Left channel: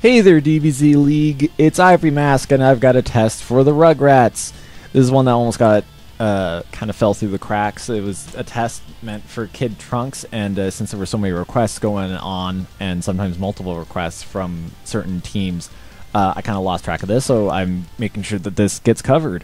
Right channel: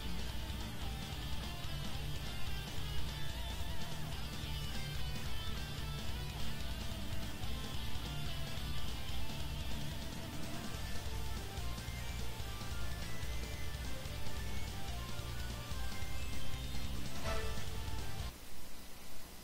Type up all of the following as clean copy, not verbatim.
Hey there, DBZ League. It's Ivory Mask, and I've got a test for the Rugrats. This is one that almost got kind of fell through the cracks. It was a test meant for Kid Trunks, and since there were so many requests going on, and sometimes multiple requests from certain teams, I kind of lost track of this, so I'm making sure that this gets covered.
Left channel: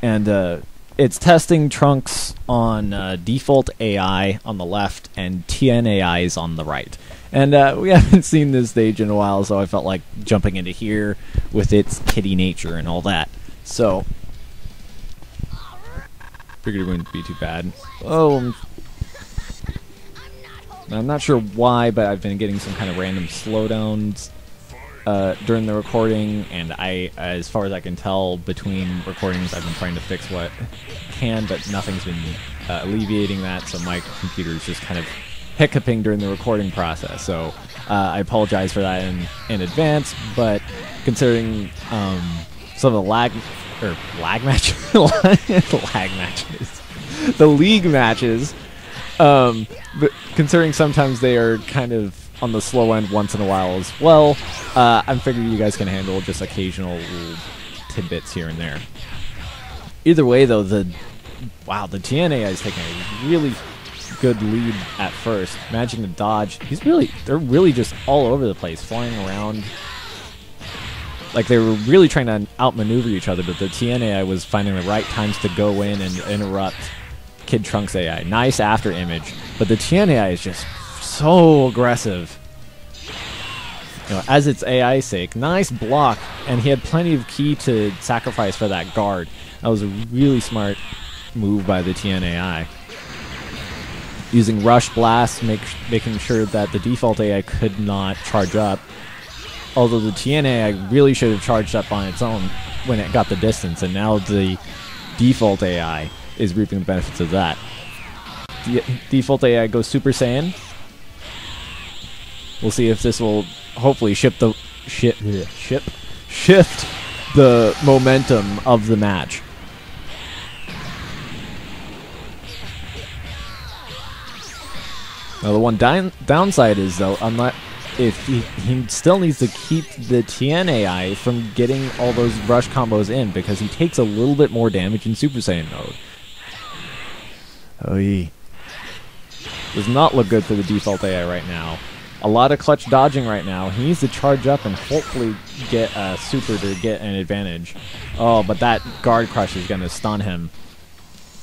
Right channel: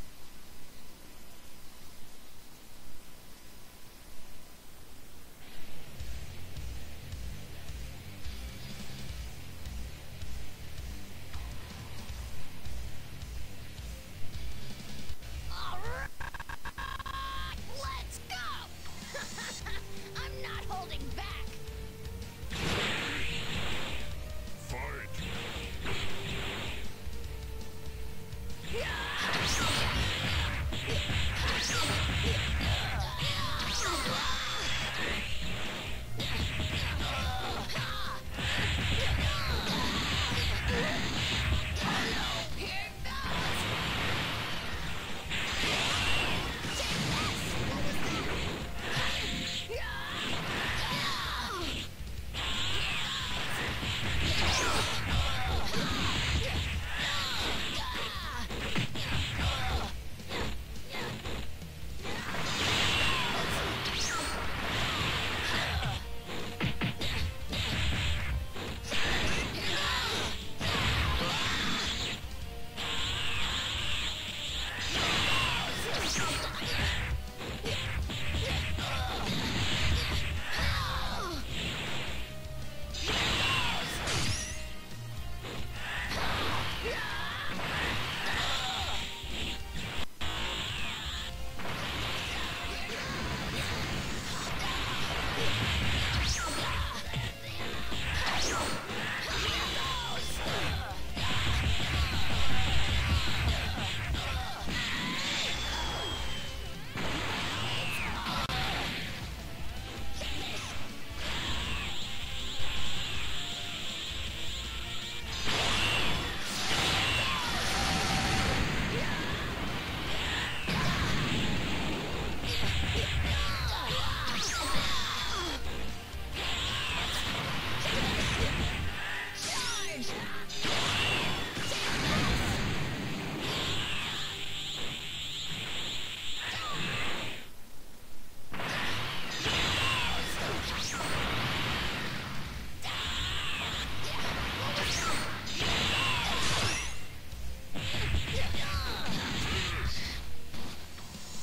And it's testing Trunks on default AI on the left and TNAIs on the right. And we haven't seen this stage in a while, so I felt like jumping into here with its kitty nature and all that. So, figured it wouldn't be too bad. Oh, I'm not sure why, but I've been getting some kind of random slowdowns during the recording, and as far as I can tell, between recordings, I've been trying to fix what I can, but nothing's been alleviating that, so my computer is just kind of hiccuping during the recording process, so I apologize for that in advance. But considering some of the lag matches, the league matches, but considering sometimes they are kind of on the slow end once in a while as well, I'm figuring you guys can handle just occasional tidbits here and there. Either way, though, the TNA is taking a really good lead at first, managing to dodge. They're really just all over the place, flying around. Like they were really trying to outmaneuver each other, but the TNAI was finding the right times to go in and interrupt Kid Trunks AI. Nice after image, but the TNAI is just so aggressive. As its AI's sake, nice block, and he had plenty of ki to sacrifice for that guard. That was a really smart move by the TNAI. Using Rush Blast, making sure that the default AI could not charge up. Although the TNAI really should have charged up on its own when it got the distance, and now the default AI is reaping the benefits of that. The default AI goes Super Saiyan. We'll see if this will hopefully shift the momentum of the match. Now the one downside is, though, he still needs to keep the TNAI from getting all those rush combos in, because he takes a little bit more damage in Super Saiyan mode. Oh, does not look good for the default AI right now. A lot of clutch dodging right now. He needs to charge up and hopefully get Super to get an advantage. Oh, but that guard crush is going to stun him.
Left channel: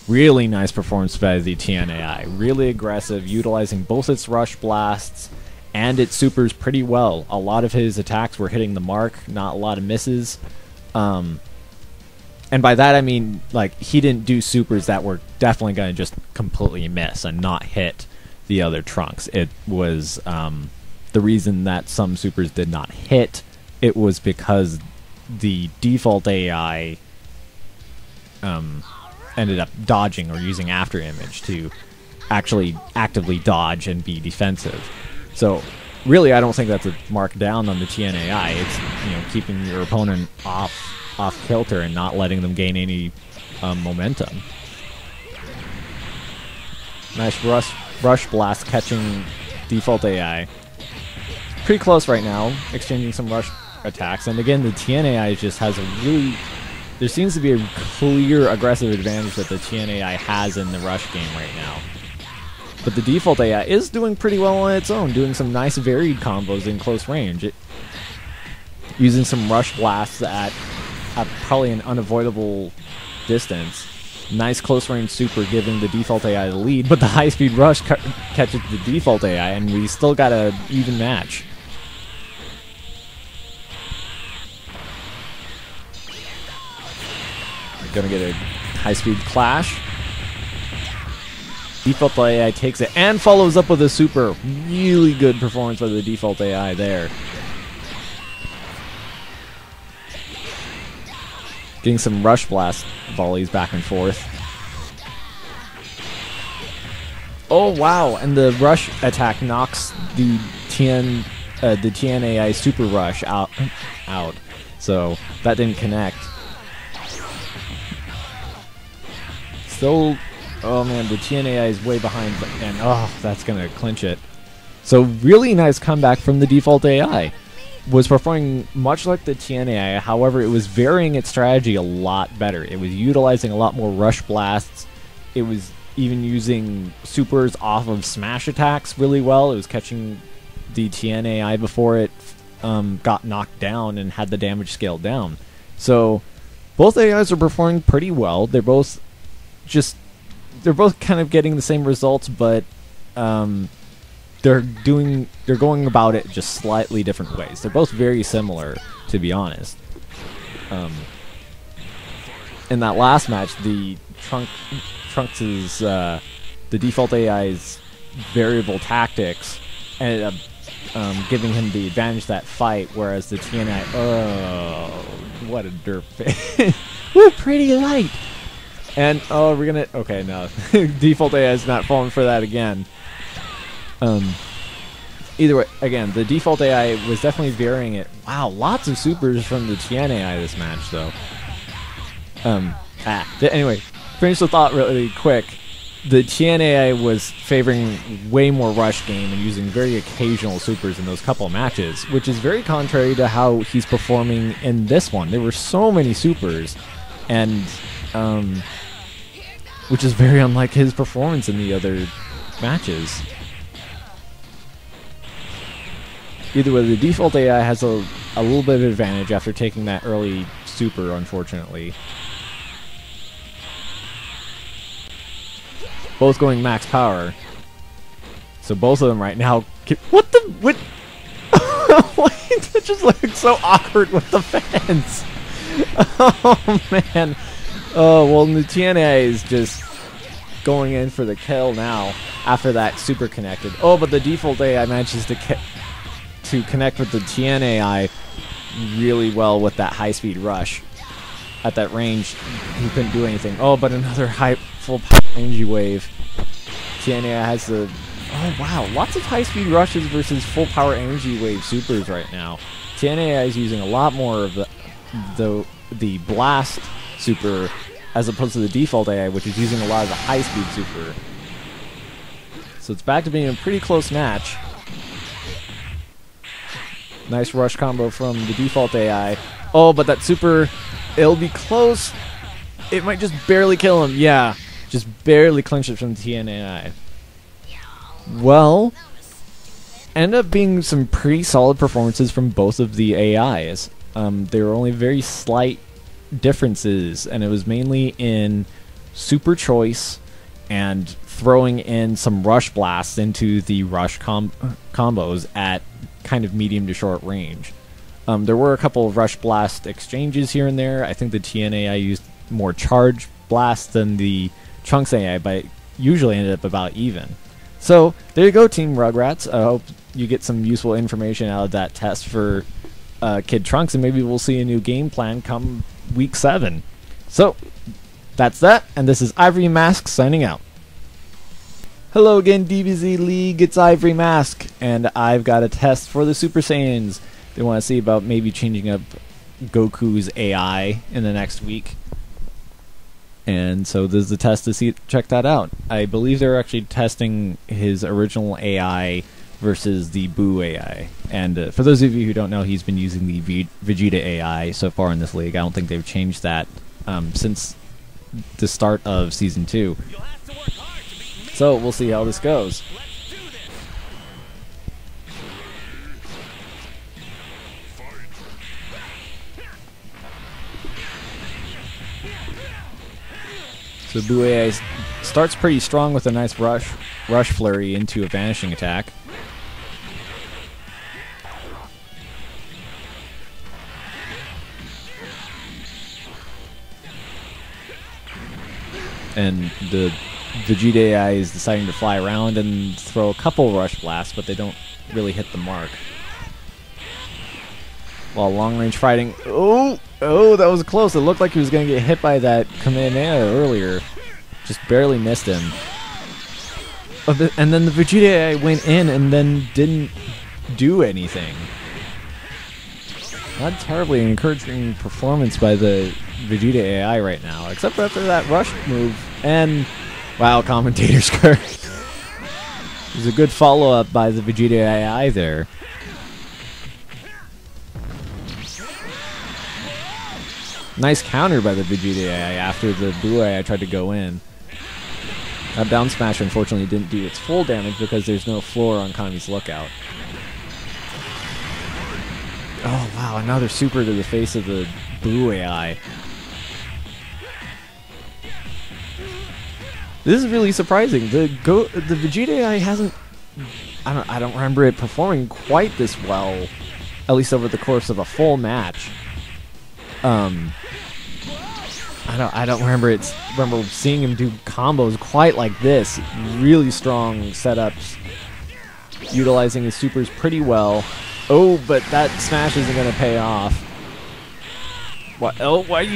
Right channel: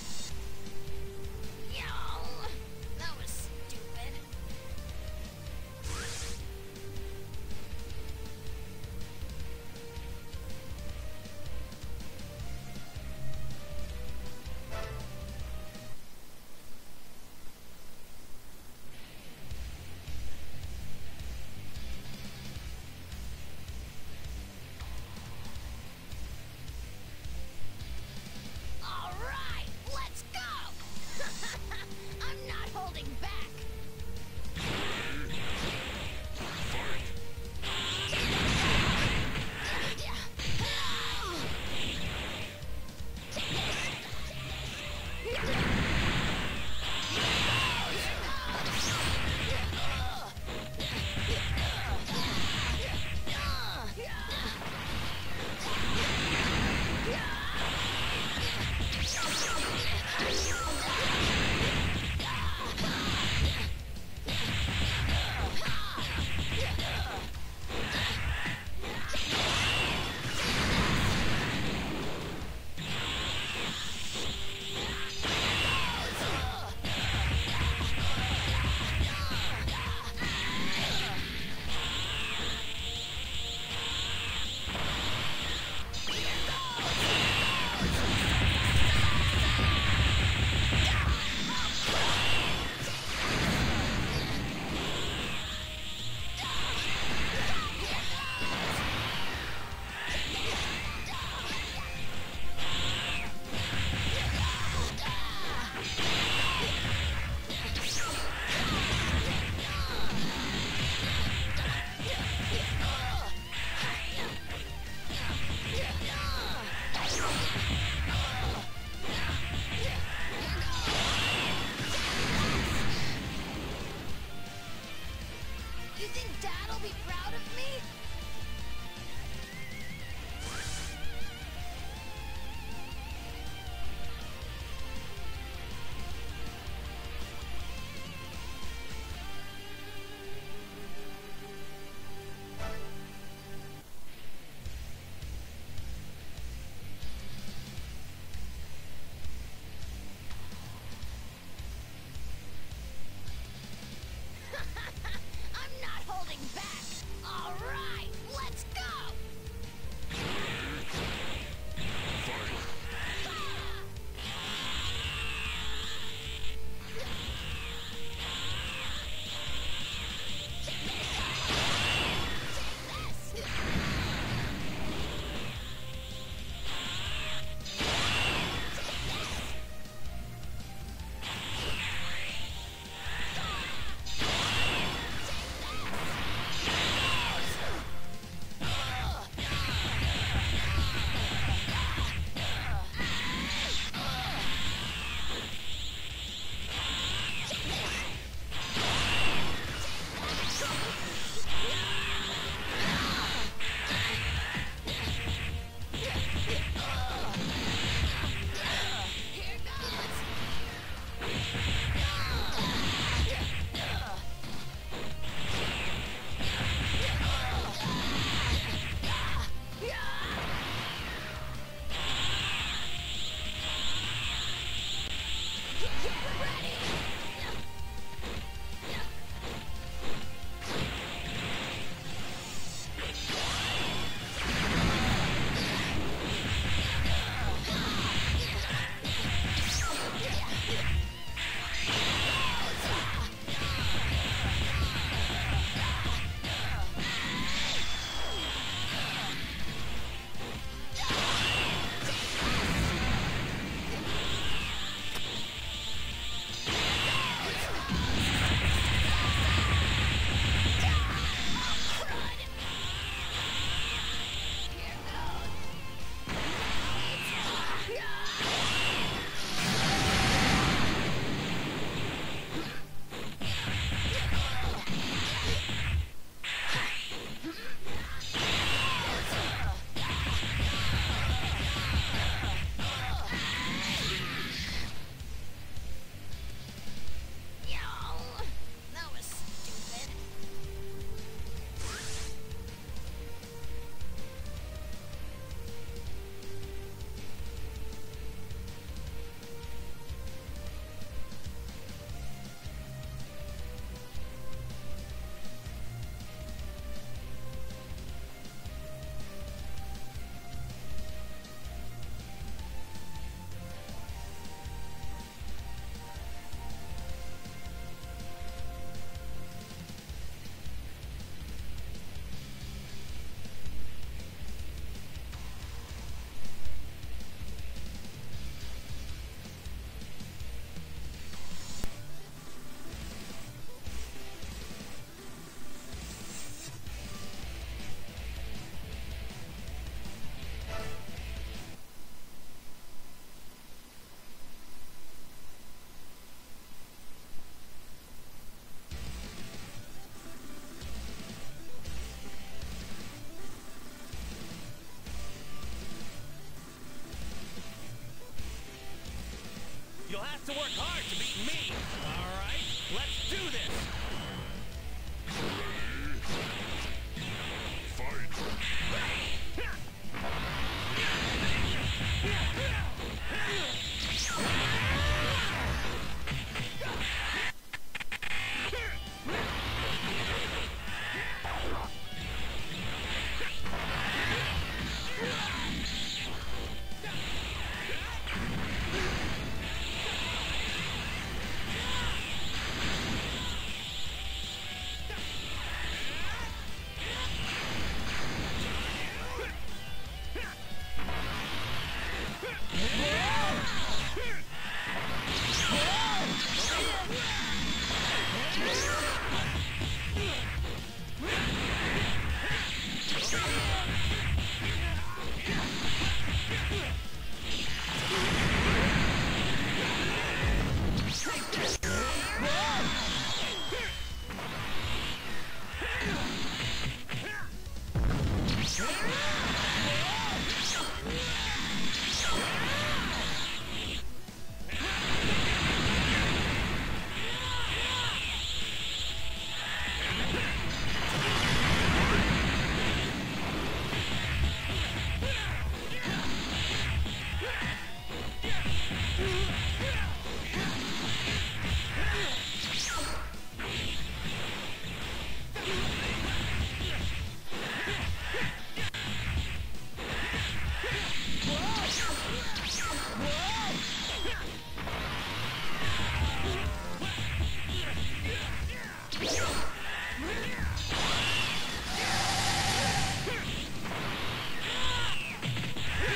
Really nice performance by the TNAI. Really aggressive, utilizing both its Rush Blasts and its Supers pretty well. A lot of his attacks were hitting the mark, not a lot of misses. And by that I mean, like, he didn't do Supers that were definitely going to just completely miss and not hit the other Trunks. It was the reason that some Supers did not hit, it was because the default AI ended up dodging or using after image to actually actively dodge and be defensive. So really, I don't think that's a mark down on the TNAI. It's keeping your opponent off kilter and not letting them gain any momentum. Nice rush blast catching default AI. Pretty close right now, exchanging some rush attacks. And again, the TNAI just has a really... There seems to be a clear aggressive advantage that the TNAI has in the rush game right now. But the default AI is doing pretty well on its own, doing some nice varied combos in close range. Using some rush blasts at probably an unavoidable distance. Nice close range super giving the default AI the lead, but the high speed rush catches the default AI, and we still got an even match. We're gonna get a high speed clash. Default AI takes it and follows up with a super. Really good performance by the default AI there. Getting some rush blast volleys back and forth. Oh wow! And the rush attack knocks the TNAI super rush out. So that didn't connect. Still, oh man, the TNAI is way behind, and oh, that's gonna clinch it. So really nice comeback from the default AI. was performing much like the TNAI. However, it was varying its strategy a lot better. It was utilizing a lot more rush blasts. It was even using supers off of smash attacks really well. It was catching the TNAI before it got knocked down and had the damage scaled down. So both AIs are performing pretty well. They're both kind of getting the same results, but they're going about it just slightly different ways. They're both very similar, to be honest. In that last match, the Trunks' the default AI's variable tactics ended up giving him the advantage that fight, whereas the TNI, oh, what a derp face. We're pretty light. And, oh, we're gonna, okay, no. Default AI is not falling for that again. Either way, again, the default AI was definitely varying it. Wow, lots of supers from the Tien AI this match, though. Anyway, finish the thought really quick. The Tien AI was favoring way more rush game and using very occasional supers in those couple matches, which is very contrary to how he's performing in this one. There were so many supers, and which is very unlike his performance in the other matches. Either way, the default AI has a little bit of advantage after taking that early super, unfortunately. Both going max power. So both of them right now... What the... What? It just looks so awkward with the fence. Oh, man. Oh, well, Nutiana is just going in for the kill now after that super connected. Oh, but the default AI manages to connect with the Tien AI really well with that high-speed rush. At that range, he couldn't do anything. Oh, but another full energy wave. Tien AI has the... Oh, wow, lots of high-speed rushes versus full power energy wave supers right now. Tien AI is using a lot more of the blast super as opposed to the default AI, which is using a lot of the high-speed super. So it's back to being a pretty close match. Nice rush combo from the default AI. Oh, but that super, it'll be close. It might just barely kill him. Yeah, just barely clinch it from the TNAI. Well, end up being some pretty solid performances from both of the AIs. There were only very slight differences, and it was mainly in super choice and throwing in some rush blasts into the rush combos at kind of medium to short range. There were a couple of rush blast exchanges here and there. I think the TNAI used more charge blasts than the Trunks AI, but usually ended up about even. So there you go, Team Rugrats. I hope you get some useful information out of that test for Kid Trunks, and maybe we'll see a new game plan come week 7. So that's that, and this is Ivory Mask signing out. Hello again, DBZ League, it's Ivory Mask, and I've got a test for the Super Saiyans. They want to see about maybe changing up Goku's AI in the next week. And so this is the test to check that out. I believe they're actually testing his original AI versus the Buu AI. And for those of you who don't know, he's been using the Vegeta AI so far in this league. I don't think they've changed that since the start of Season 2. So we'll see how this goes. The Buu AI starts pretty strong with a nice rush flurry into a vanishing attack. And the Vegeta AI is deciding to fly around and throw a couple rush blasts, but they don't really hit the mark. While long-range fighting... Oh, that was close. It looked like he was going to get hit by that Kamehameha earlier. Just barely missed him. And then the Vegeta AI went in and then didn't do anything. Not terribly encouraging performance by the Vegeta AI right now, except after that rush move. And, wow, commentator's curse. It was a good follow-up by the Vegeta AI there. Nice counter by the Vegeta AI after the Buu AI tried to go in. That down smash unfortunately didn't do its full damage because there's no floor on Kami's lookout. Oh wow, another super to the face of the Buu AI. This is really surprising. The Vegeta AI hasn't... I don't remember it performing quite this well, at least over the course of a full match. I don't remember seeing him do combos quite like this. Really strong setups, utilizing his supers pretty well. Oh, but that smash isn't gonna pay off. What? Oh, why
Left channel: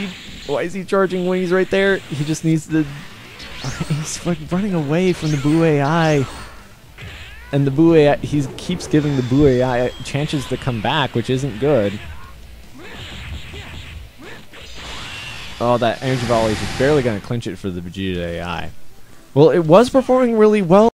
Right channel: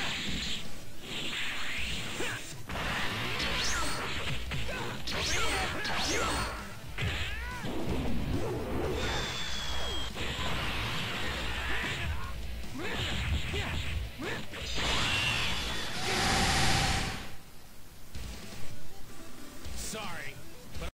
is he charging when he's right there? He just needs to... He's like running away from the Buu AI. And the Buu AI, he keeps giving the Buu AI chances to come back, which isn't good. Oh, that energy volley is barely going to clinch it for the Vegeta AI. Well, it was performing really well.